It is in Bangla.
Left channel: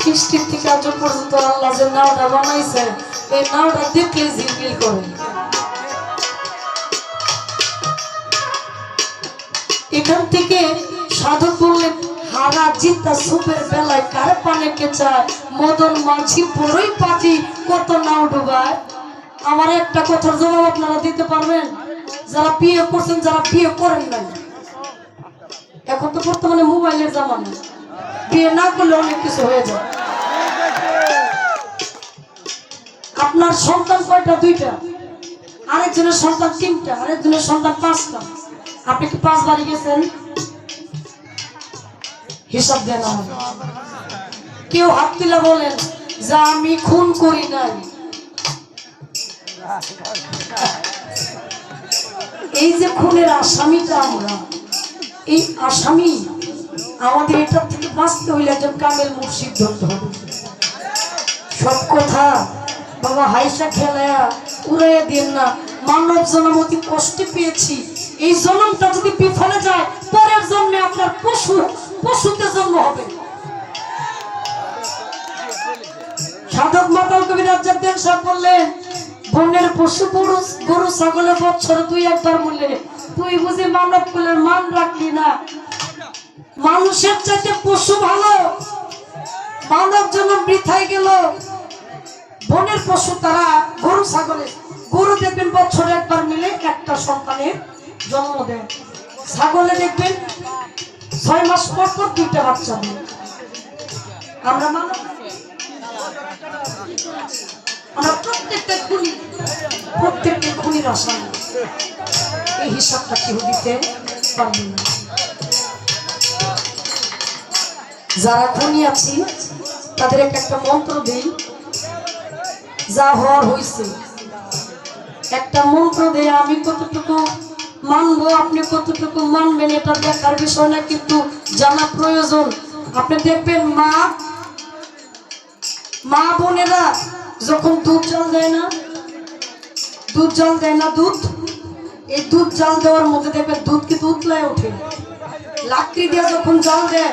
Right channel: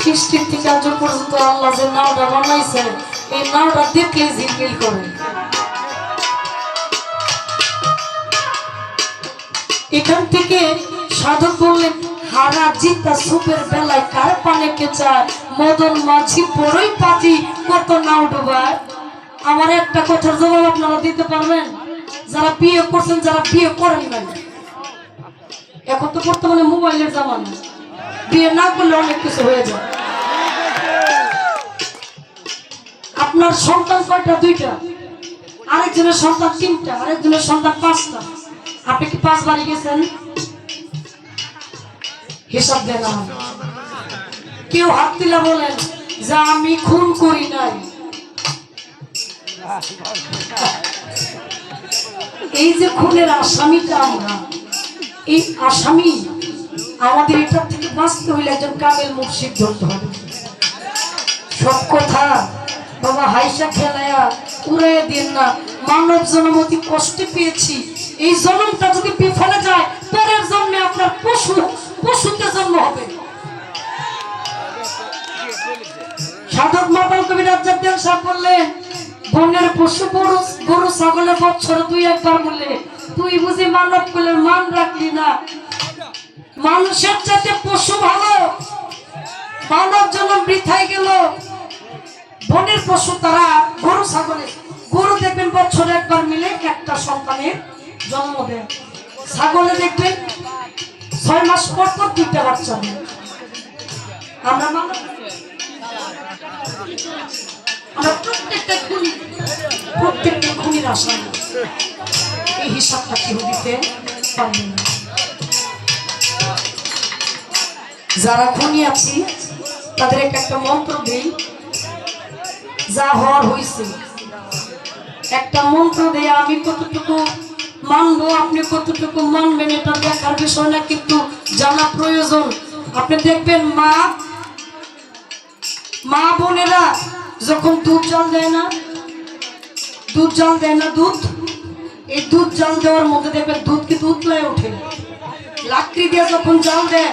সৃষ্টির থেকে আজ পর্যন্ত আল্লাহ যে নাওটা বানাইছে, এই নাওটা দেখলে ঝিলমিল করে? এখান থেকে সাধক বললেন, হারা জিতা সুপের বেলায় কার পানে কে চায়? মদন মাঝি বড়ই পাতি কত নাও ডুবায়? আমার একটা কথার জবাব আপনারা দিতে পারবেন? যারা বিয়ে করছেন, যারা বিয়ে করেন নাই। এখন তো বর্তমানে মোবাইলের জামানা। অনেক কিছু হয়ে যায়। আপনার সন্তান কয়টা? দুইটা। আরেকজনের সন্তান তিনটা, আরেকজনের সন্তান পাঁচটা। আপনি কি পাঁচ বাড়ি গেছেন? হিসাব দেন কেউ হাত তুলা বলেন, যে আমি খুন করি নাই। এই যে খুনের আসামিটা আমরা, এই আসামি আমাদের এটার থেকে বাঁচতে হইলে একজন কামেল মুর্শিদ ধরতে হবে। সব কথা বাবা হাইসা খেলায়া উড়ে দিন না। মানব জন্ম অতি কষ্টে পেয়েছি। এই জন্মটা যদি বিফলে যায়, পরের জন্মে আপনার পশু, পশুতে জন্ম হবে। সাধক মাতাল কবি রাজ্জাদ্দেন সাহেব বললেন বনের পশু, গরু গরু, ছাগলের বছর তুই একবার বললে তুই বুঝি মানব কুলের মান রাখলি না? মানুষের চাইতে পশু ভালো। মানব জন্য বৃথায় গেল, বনের পশু তারা গরু ছাগলের গরু দেখবেন বছরে একবার মিলে একটা সন্তানের জন্ম দেয়। ছাগলে দেখবেন ছয় মাস পর পর দুইটা বাচ্চা দেয় আমরা মানব আমরা প্রত্যেকটা খুনি, প্রত্যেকটা খুনির আসামি এই হিসাবটা কেউ দিতে পারবে না। যারা খুনি আছি, তাদের একটা একটা মন্ত্র দিই। যা হওয়ার হয়েছে। একটা মন্ত্র দিয়ে আমি কতটুকু মানবো, আপনি কতটুকু মানবেন, এটা দেখার বিষয় না, কিন্তু জানা প্রয়োজন। আপনি দেখবেন মা মা বোনেরা যখন দুধ জল দেয় না, দুধ জল দেয় না দুধ, এই দুধ জল দেওয়ার মধ্যে দেখবেন দুধ কিন্তু উতলায় ওঠে। লাকড়ি দিয়ে যখন জল দেয়